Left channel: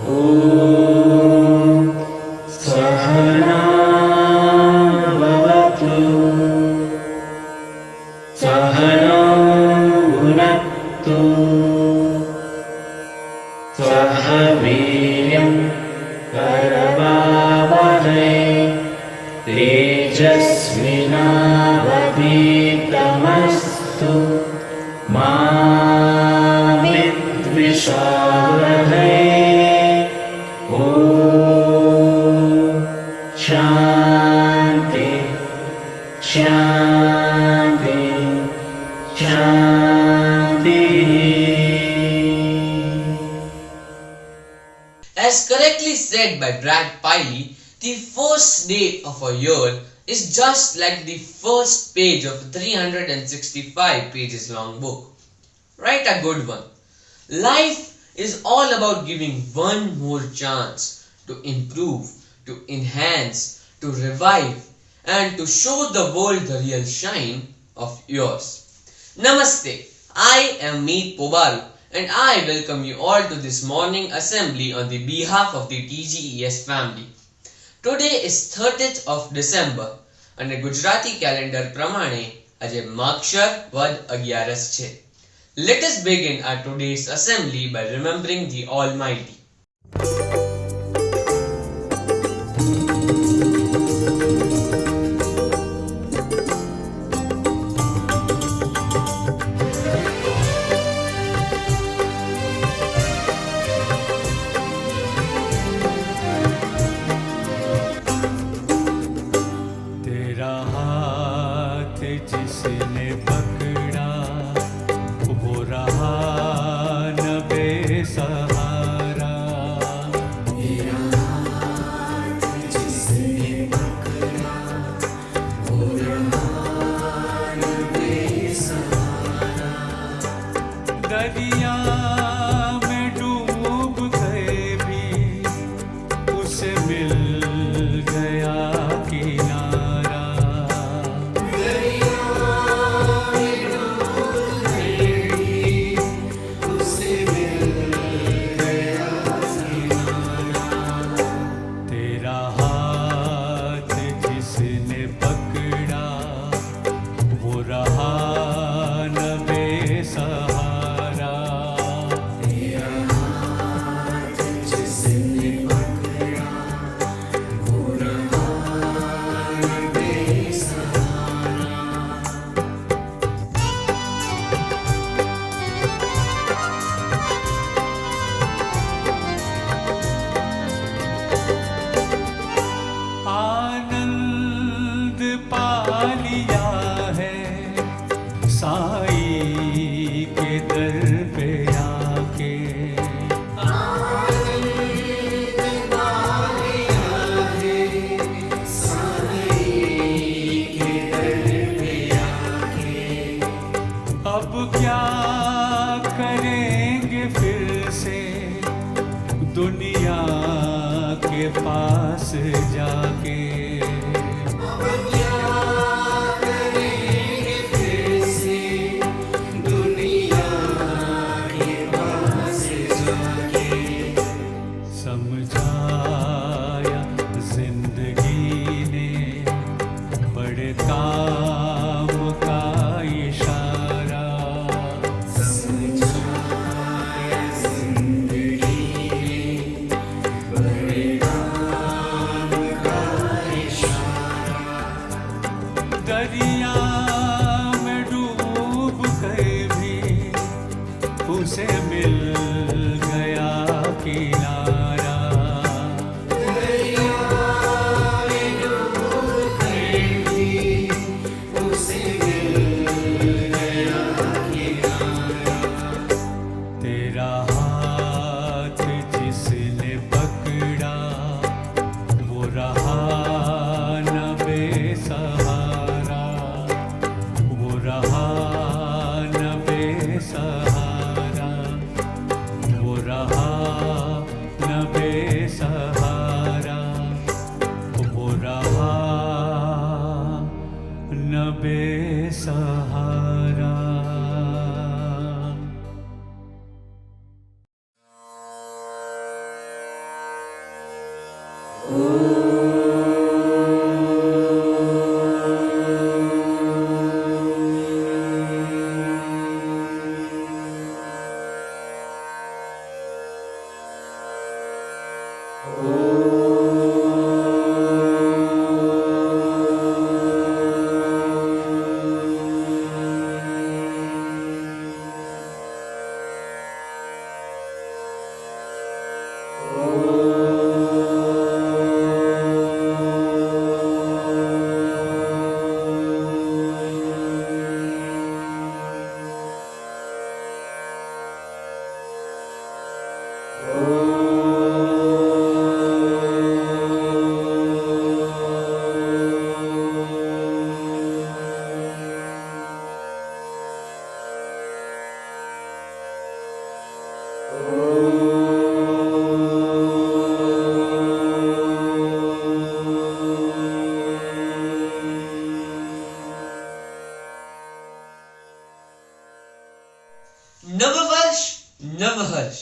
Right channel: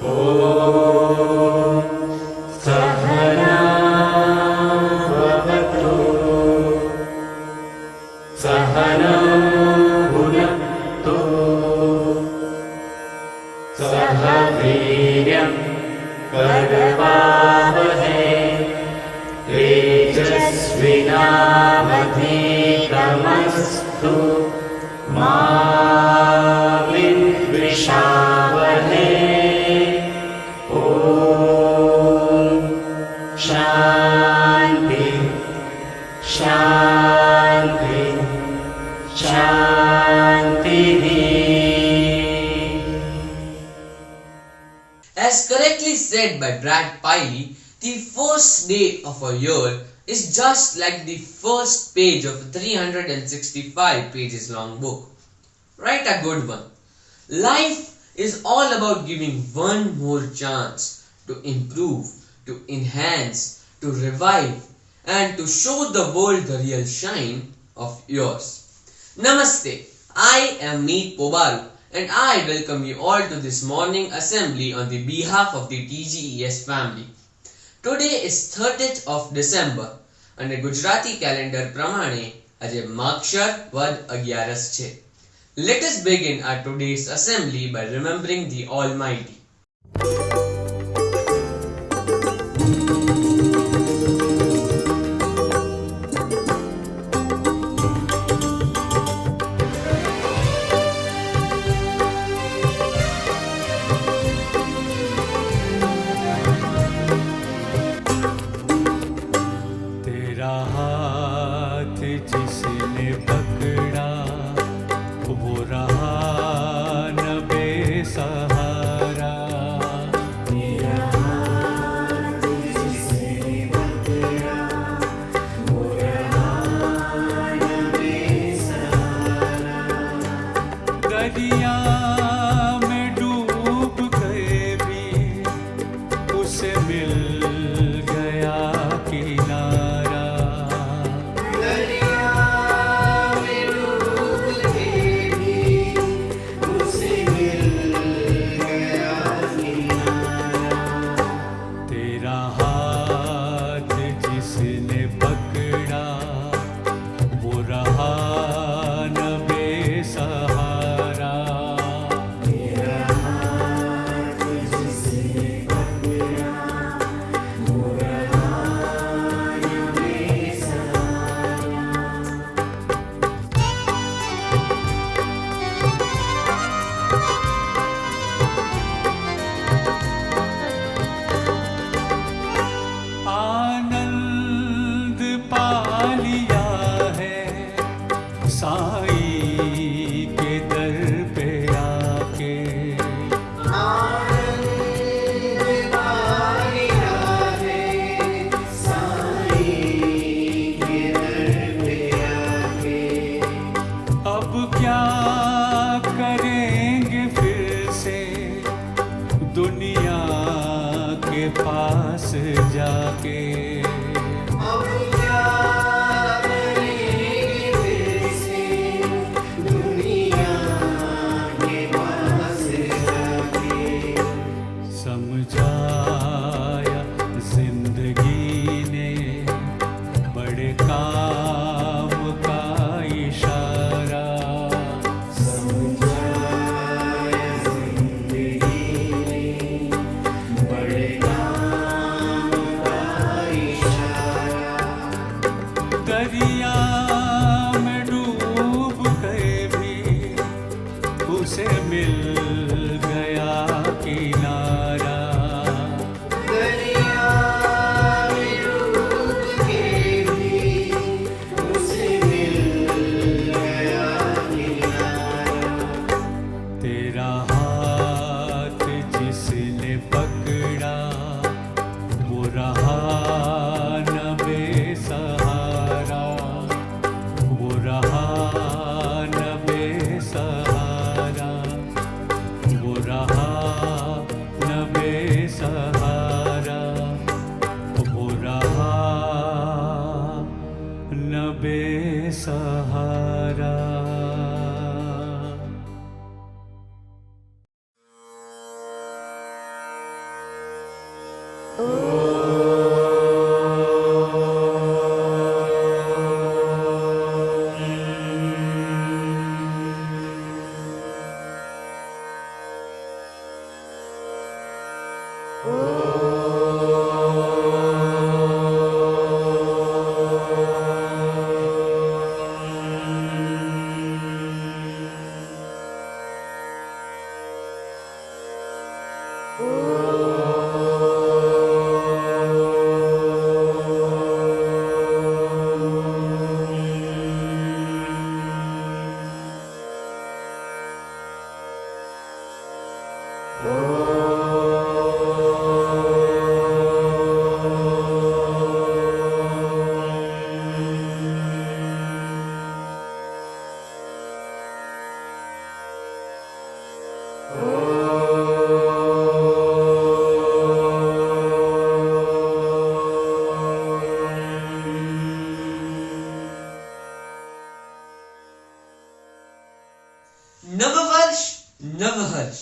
ॐ सहना भवतु सहनौ भुनक्तु सह वीर्यं करवावहै तेजस्विनावधीतमस्तु मा विद्विषावहै। शांति शांति शांति। As correctly said by Brad Piley, the first day of a year is just like the first page of a 365 pages long book. Write a good one. Life is all about giving one more chance to improve, to enhance, to revive, and to show the world the real shine of yours. Namaste, I am Meet Pobaru and I welcome you all to this morning assembly on the behalf of the TGES family. Today is 30th of December અને Gujarati calendar પ્રમાણે આજે માગશર વદ 11 છે. Let us begin our today's assembly by remembering the Almighty. तेरा हाथ जिसने पकड़ा वो रहा न बेसहारा। तेरा हाथ जिसने पकड़ा वो रहा न बेसहारा। दरिया में डूब गए भी उसे मिल गया किनारा। तेरा हाथ जिसने पकड़ा वो रहा न बेसहारा। तेरा हाथ जिसने पकड़ा वो रहा न बेसहारा। आनंद पा लिया है साईं के दर पे आके। आनंद पा लिया है साईं के दर पे आके। अब क्या करेंगे फिर से दुनिया के पास जाके। अब क्या करेंगे फिर से दुनिया के पास जाके। समझाया जिंदगी ने बड़े काम का इशारा। दरिया में डूब गए भी उसे मिल गया किनारा। दरिया में डूब गए भी उसे मिल गया किनारा। तेरा हाथ जिसने पकड़ा वो रहा न बेसहारा। वो रहा न बेसहारा। वो रहा न बेसहारा। वो रहा न बेसहारा। नवहर्ष,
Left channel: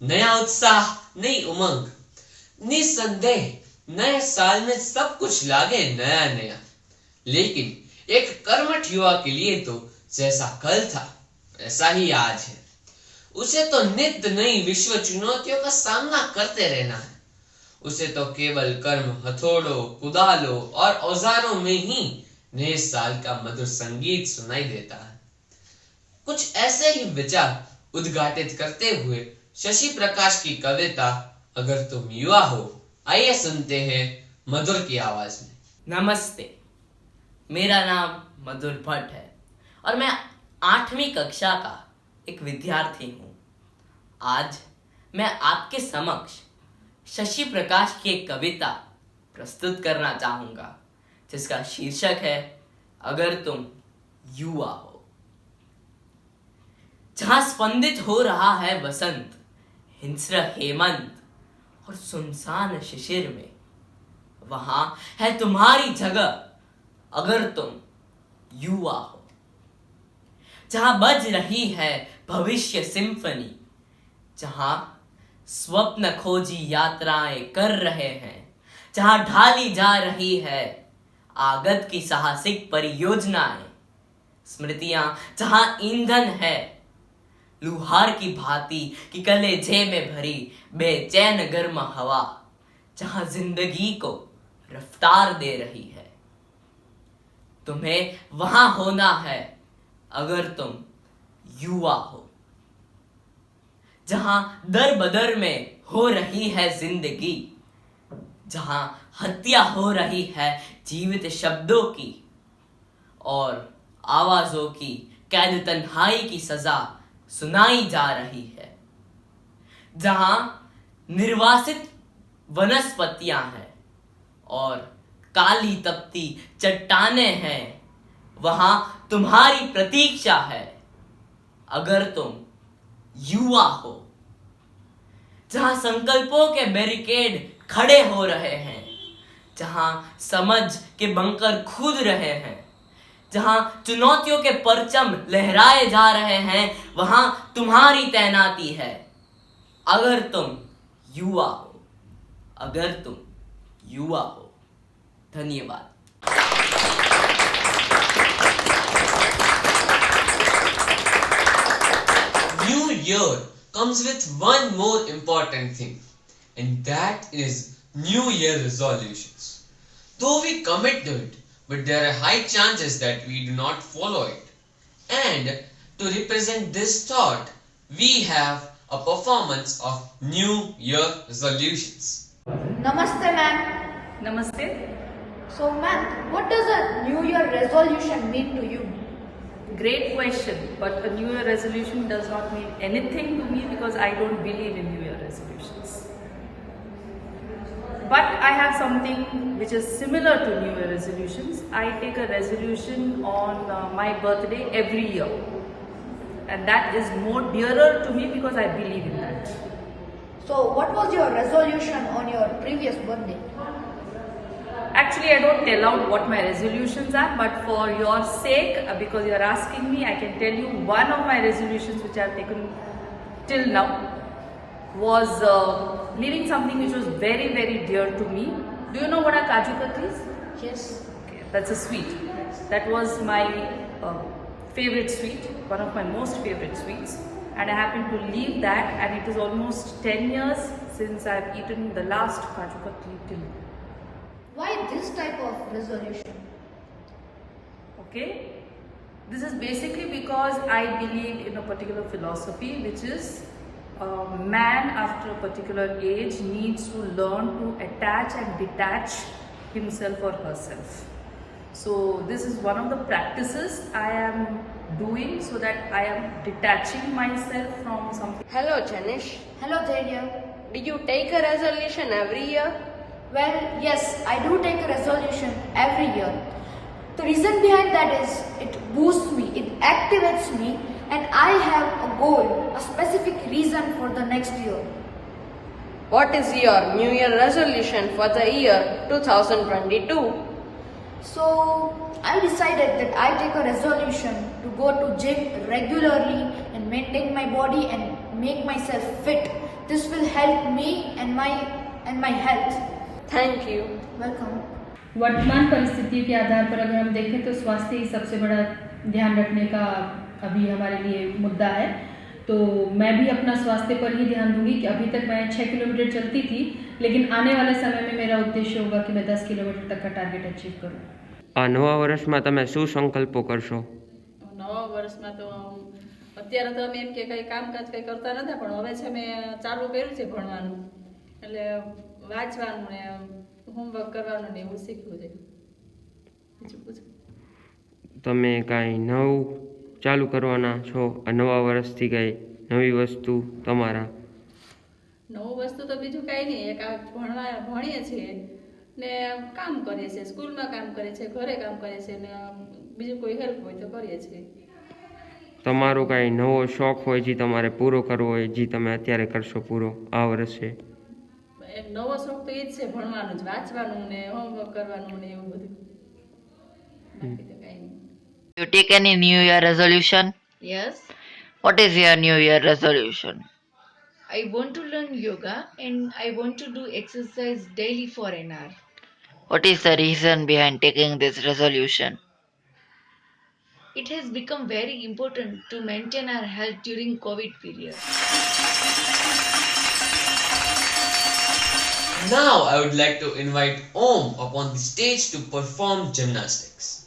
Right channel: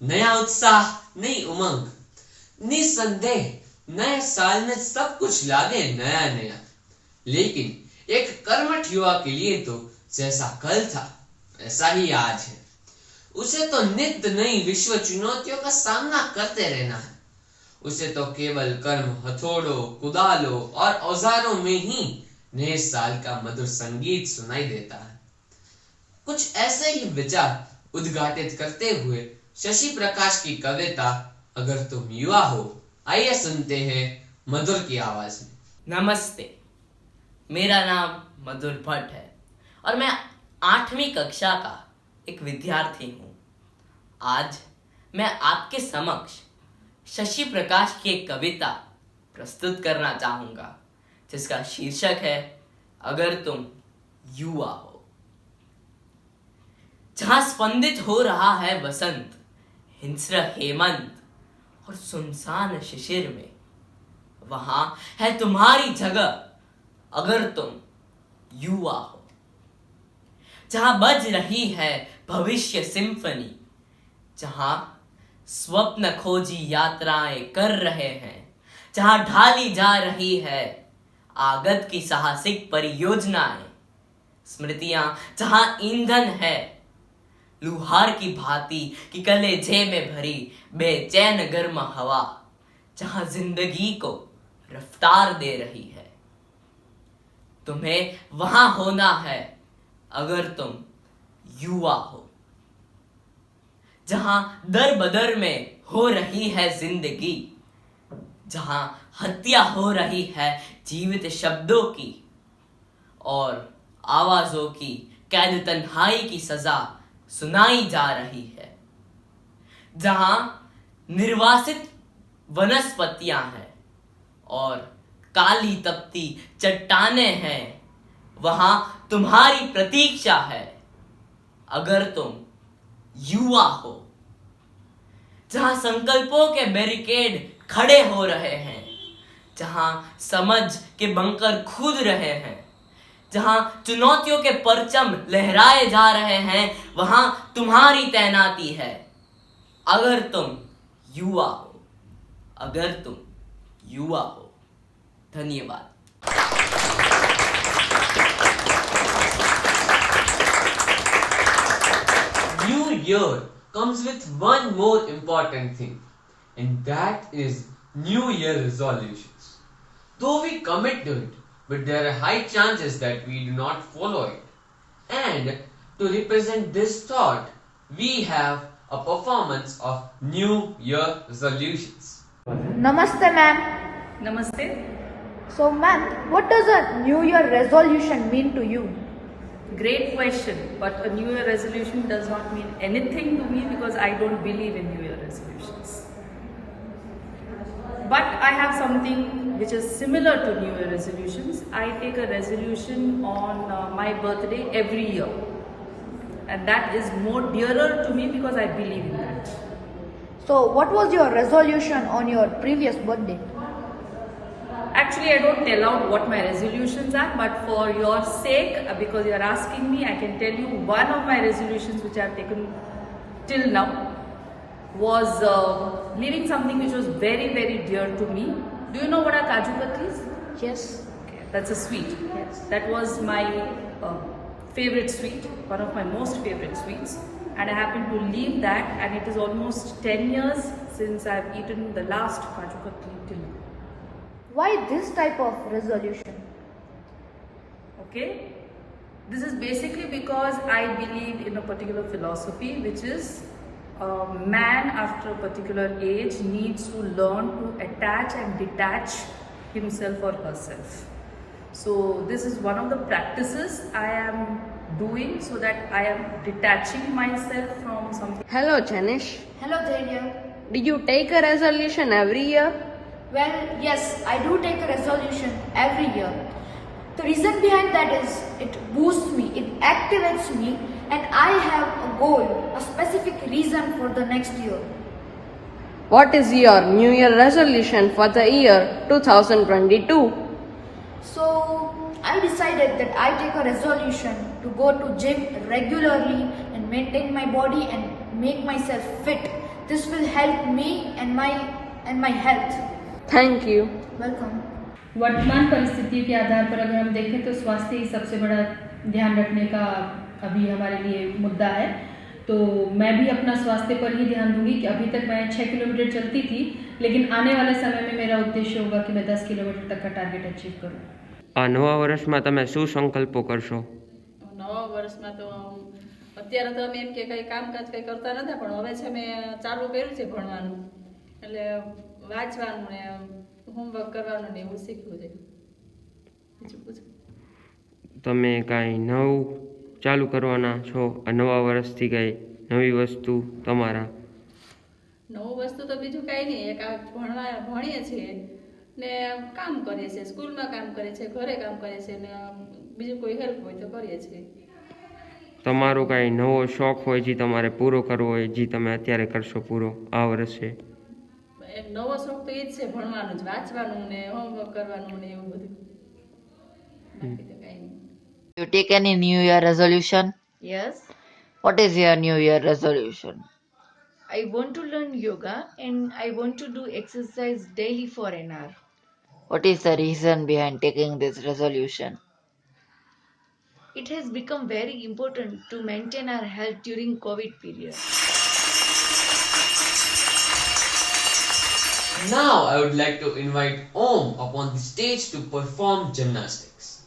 नया उत्साह, नई उमंग। निसंदेह नए साल में सब कुछ लागे नया नया, लेकिन एक कर्मठ युवा के लिए तो जैसा कल था ऐसा ही आज है। उसे तो नित्य नई विश्व चुनौतियों का सामना करते रहना है। उसे तो केवल कर्म, हथौड़ों, कुदालों और औजारों में ही नए साल का मधुर संगीत सुनाई देता है। कुछ ऐसे ही विचार उद्घाटित करते हुए शशि प्रकाश की कविता अगर तुम युवा हो, आइए सुनते हैं मधुर की आवाज में। नमस्ते, मेरा नाम मधुर भट्ट है और मैं 8वीं कक्षा का एक विद्यार्थी हूँ। आज मैं आपके समक्ष शशि प्रकाश की एक कविता प्रस्तुत करना चाहूँगा, जिसका शीर्षक है अगर तुम युवा हो। जहाँ स्पंदित हो रहा है बसंत, हिंस्र हेमंत और सुनसान शिशिर में, वहां है तुम्हारी जगह अगर तुम युवा हो। जहां बज रही है भविष्य सिम्फनी, जहां स्वप्न खोजी यात्राएं कर रहे हैं, जहां ढाली जा रही है आगत की साहसिक परियोजनाएं, स्मृतियां जहां ईंधन है लुहार की भांति कि कलेजे में भरी बेचैन गर्म हवा, जहां जिंदगी को रफ्तार दे रही है। तुम्हें वहां होना है अगर तुम युवा हो। जहां दर बदर में हो रही है जिंदगी, जहां हत्या हो रही है जीवित शब्दों की और आवाजों की कैद तन्हाई की सजा सुनाई जा रही है, जहां निर्वासित वनस्पतियां हैं और काली तपती चट्टानें हैं, वहां तुम्हारी प्रतीक्षा है अगर तुम युवा हो। जहां संकल्पों के बैरिकेड खड़े हो रहे हैं, जहां समझ के बंकर खुद रहे हैं, जहां चुनौतियों के परचम लहराए जा रहे हैं, वहां तुम्हारी तैनाती है अगर तुम युवा हो। अगर तुम युवा हो। धन्यवाद। New year comes with one more important thing, and that is New Year resolutions. Though we commit to it, but there are high chances that we do not follow it. And to represent this thought, we have a performance of New Year resolutions. Namaste, ma'am. Namaste. So, ma'am, what does a New Year resolution mean to you? Great question, but a New Year resolution does not mean anything to me because I don't believe in New Year resolutions. But I have something which is similar to New Year resolutions. I take a resolution on my birthday every year, and that is more dearer to me because I believe in that. So, what was your resolution on your previous birthday? Actually, I don't tell out what my resolutions are, but for your sake, because you are asking me, I can tell you one of my resolutions which I have taken till now was leaving something which was very, very dear to me. Do you know what a Kaju Katli is? Yes. Okay, that's a sweet. That was my favorite sweet, one of my most favorite sweets. And I happened to leave that, and it is almost 10 years since I have eaten the last Kaju Katli till now. Why this type of resolution? Okay, this is basically because I believe in a particular philosophy, which is man after a particular age needs to learn to attach and detach himself or herself. So this is one of the practices I am doing so that I am detaching myself from something. Hello Janish, Hello, Dhairya. did you take a resolution every year? Well, yes, I do take a resolution every year. The reason behind that is it boosts me, it activates me, and I have a goal, a specific reason for the next year. What is your New Year resolution for the year 2022? So, I decided that I take a resolution to go to gym regularly and maintain my body and make myself fit. This will help me and my health. Thank you. Welcome. वर्तमान परिस्थितियों के आधार पर अगर हम देखें तो स्वास्थ्य ही सबसे बड़ा ध्यान रखने का अभी हमारे लिए मुद्दा है। तो मैं भी अपना स्वास्थ्य पर ही ध्यान दूंगी कि अभी तक मैं 6 किलोमीटर चलती थी, लेकिन आने वाले समय में मेरा उद्देश्य होगा कि मैं 10 किलोमीटर तक का टारगेट अचीव करूं। આ નવા વર્ષમાં તમે શું સંકલ્પો કરશો? નવા વર્ષમાં તો અત્યારે તો અમે એમ કે કંઈ કામકાજ કંઈ કરતા નતા, પણ હવે છે મેં ચાલુ કર્યું છે ભણવાનું, એટલે વાંચવાનું ને હોમવર્ક કરવાનું ને એવું શીખવું છે. બીજું પૂછો. તમે કાંઈ નવું ચાલુ કરવાના છો? આ નવા વર્ષથી કાંઈ નવી વસ્તુ તમારા? નવું વસ્તુ તો બીજું કાંઈ નહીં, એક આ ભણીએ છીએ ને કામ કરીએ છીએ, સ્કૂલમાં કામ કરીએ છીએ, ઘરે કામ કરીએ છીએ ને બીજું કોઈ હેલ્પ હોય તો કરીએ છીએ. તમારો કાંઈ નવો શોખ હોય જે તમારે પૂરો કરવો હોય, જે તમે અત્યારે કરશો પૂરો આ વર્ષે? એક નવો શોખ તો એ જ છે, ભણવાનું જ, વાંચવાનું ને હોમવર્ક કરવાનું ને એવું બધું. બાકી તો કાંઈ નહીં. You take any New Year resolution? Yes, What is your New Year resolution? I want to learn yoga and I want to do exercise daily for an hour. What is the reason behind taking this resolution? It has become very important to maintain our health during COVID period. Now I would like to invite Om upon the stage to perform gymnastics.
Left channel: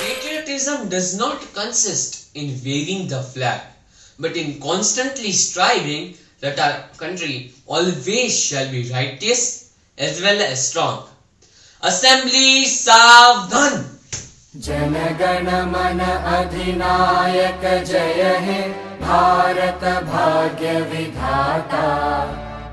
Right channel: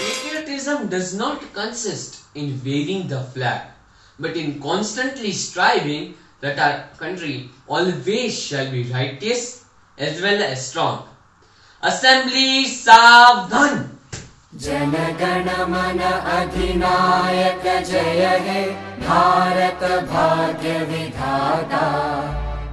Patriotism does not consist in waving the flag, but in constantly striving that our country always shall be righteous as well as strong. Assembly Savdhan! जनगण मन अधिनायक जय हे भारत भाग्य विधाता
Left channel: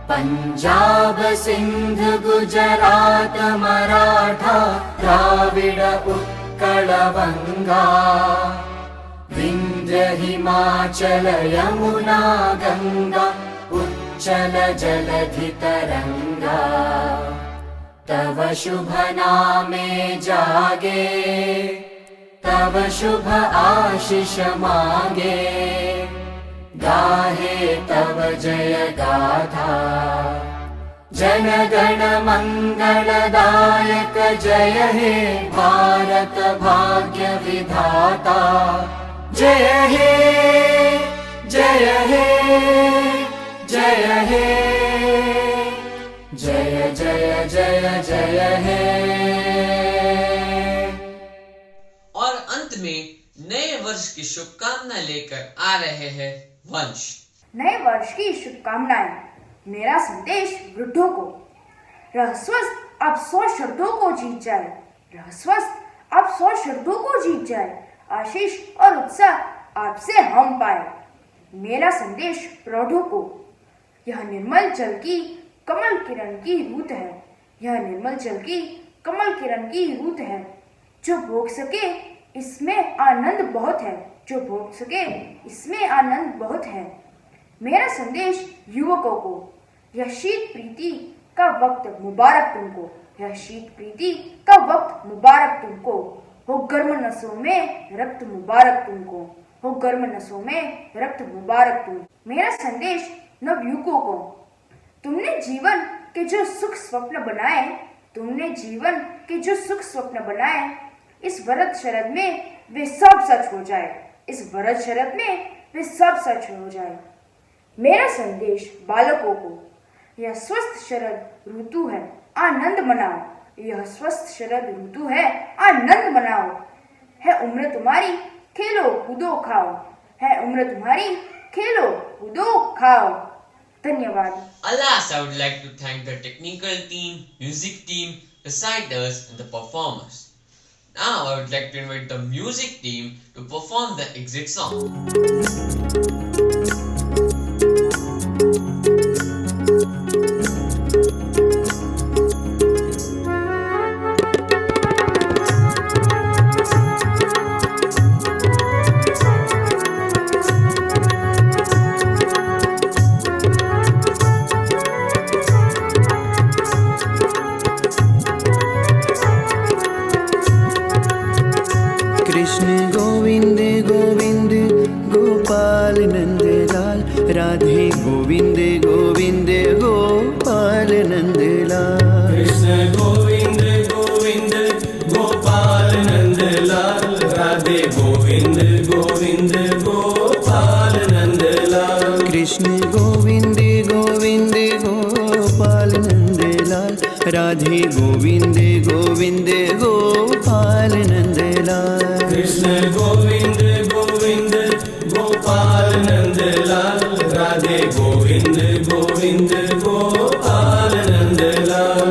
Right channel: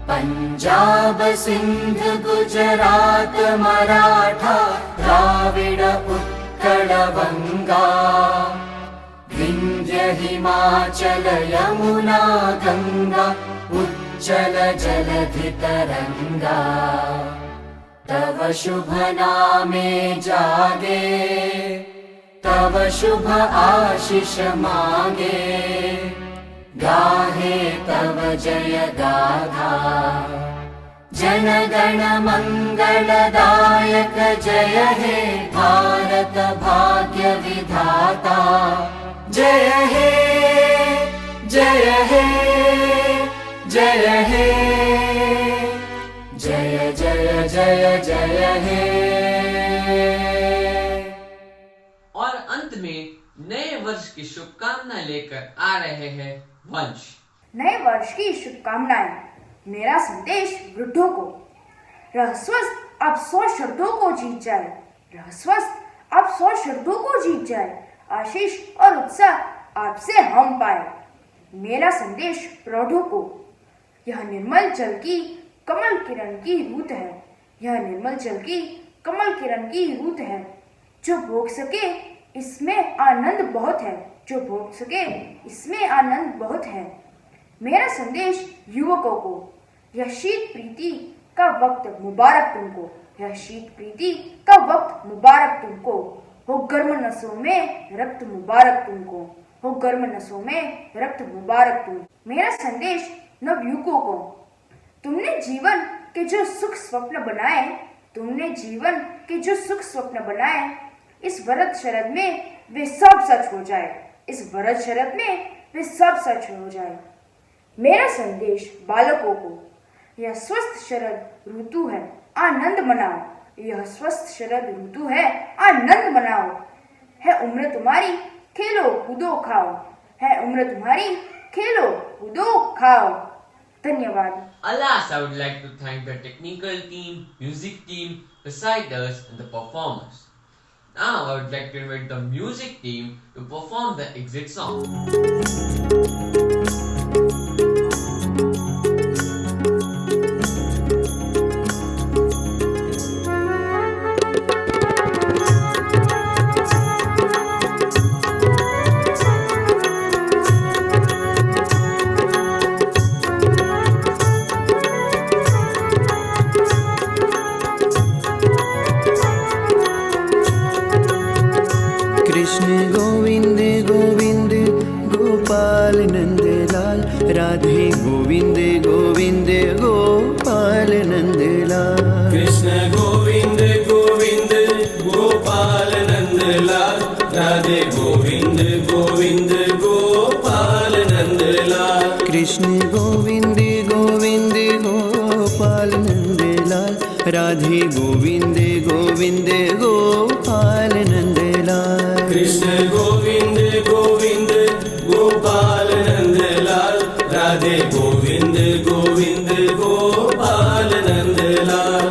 पंजाब सिंध गुजरात मराठा द्राविड उत्कल बंगा विंध्य हिमाचल यमुना गंगा उच्चल जलधि तरंगा तव शुभ नामे जागे तव शुभ आशीष मांगे गाहे तव जय गाथा जन गण मंगलदायक जय हे भारत भाग्य विधाता जय हे जय हे जय हे जय जय जय जय हे। और अंत में नए वर्ष की शुभकामना लेकर आ रहे हैं वंश। नए वर्ष की शुभकामनाएं। मेरा संदेश वृद्धों को, रह स्वस्थ अब 100 शब्दों को जीत जाए, रह स्वस्थ अब 100 शब्दों को जीत जाए, आशीष और उत्साह आपसे हम पाए। मेरा संदेश प्रौढ़ों को, यह निर्मल जल की कमल किरण की रूत है, यह निर्मल जल की कमल किरण की रूत है, जो भोग सके इसमें आनंद बहुत है, जो भोग सके इसमें आनंद बहुत है। मेरा संदेश युवकों को, यह शीत प्रीति का वक्त मुबारक तुमको, यह शीत प्रीति का वक्त मुबारक तुमको, हो गर्म नसों में रक्त मुबारक तुमको, हो गर्म नसों में रक्त मुबारक तुम। मेरा संदेश नवयुवकों को, तुमने जीवन के जो सुख स्वप्न बनाए तुमने जीवन के जो सुख स्वप्न बनाए, इस व्रत शरद में वे सब सच हो जाए। इस व्रत शरद में वे सब सच हो जाए। मेरा संदेश बालकों को, यह स्वस्थ शरद ऋतु है, आनंद मनाओ। यह स्वस्थ शरद ऋतु है, आनंद मनाओ। है उम्र तुम्हारी, खेलो कूदो खाओ। है उम्र तुम्हारी, खेलो कूदो खाओ। धन्यवाद। Alas, I would like to thank the technical team, music team, reciters and the performers. Now I would like to invite the music team to perform the exit song. Krishna Govind Govind Gopal Nandlal, Radhe Govind Govind Gopal Nandlal. Krishna Govind Govind Gopal Nandlal, Radhe Govind Govind Gopal Nandlal. Krishna Govind Govind Gopal Nandlal, Radhe Govind Govind Gopal Nandlal. Krishna Govind Govind Gopal Nandlal, Radhe Govind Govind Gopal Nandlal.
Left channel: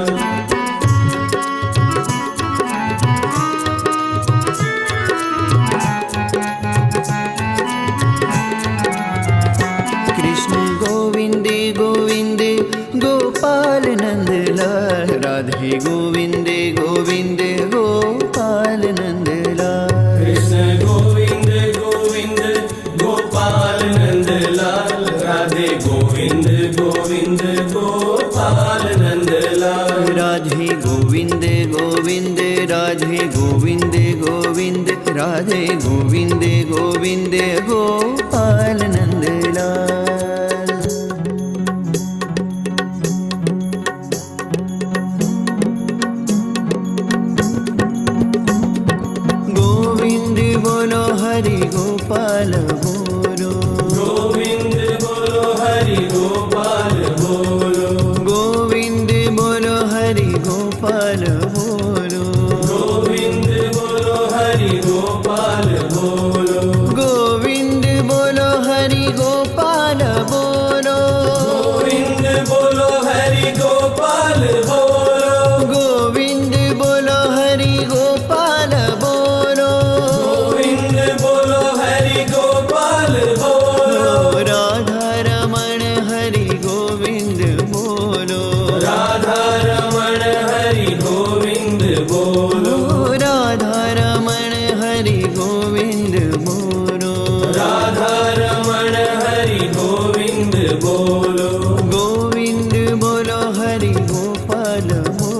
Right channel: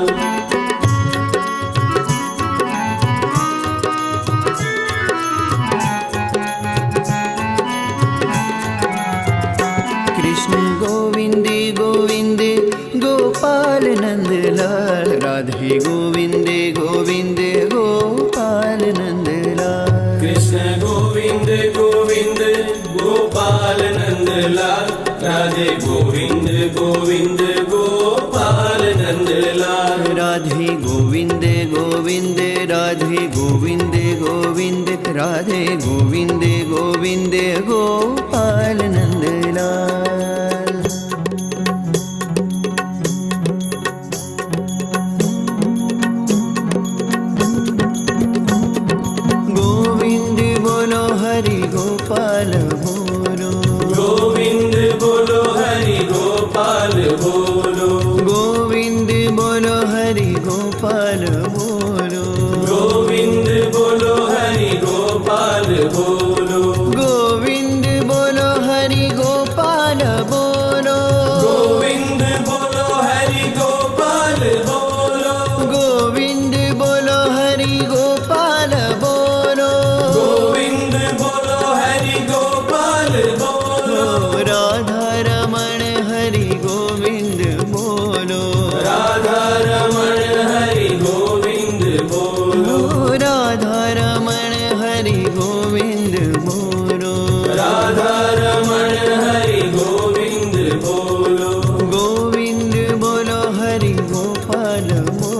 Krishna Govind Govind Gopal Nandlal, Radhe Govind Govind Gopal Nandlal. Krishna Govind Govind Gopal Nandlal, Radhe Govind Govind Gopal Nandlal. Radhe Govind Govind, Radhe Govind Govind, Radhe Govind Govind Gopal Nandlal. Govind बोलो हरि गोपाल बोलो, गोविंद बोलो हरि गोपाल बोलो। गोविंद बोलो हरि गोपाल बोलो, गोविंद बोलो हरि गोपाल बोलो। गोविंद बोलो हरि गोपाल बोलो, गोविंद बोलो हरि गोपाल बोलो। गोविंद बोलो हरि गोपाल बोलो, गोविंद बोलो हरि गोपाल बोलो। राधा रमण हरि गोविंद बोलो, राधा रमण हरि गोविंद बोलो। राधा रमण हरि गोविंद बोलो, राधा रमण हरि गोविंद बोलो। गोविंद बोलो हरि गोपाल बोलो।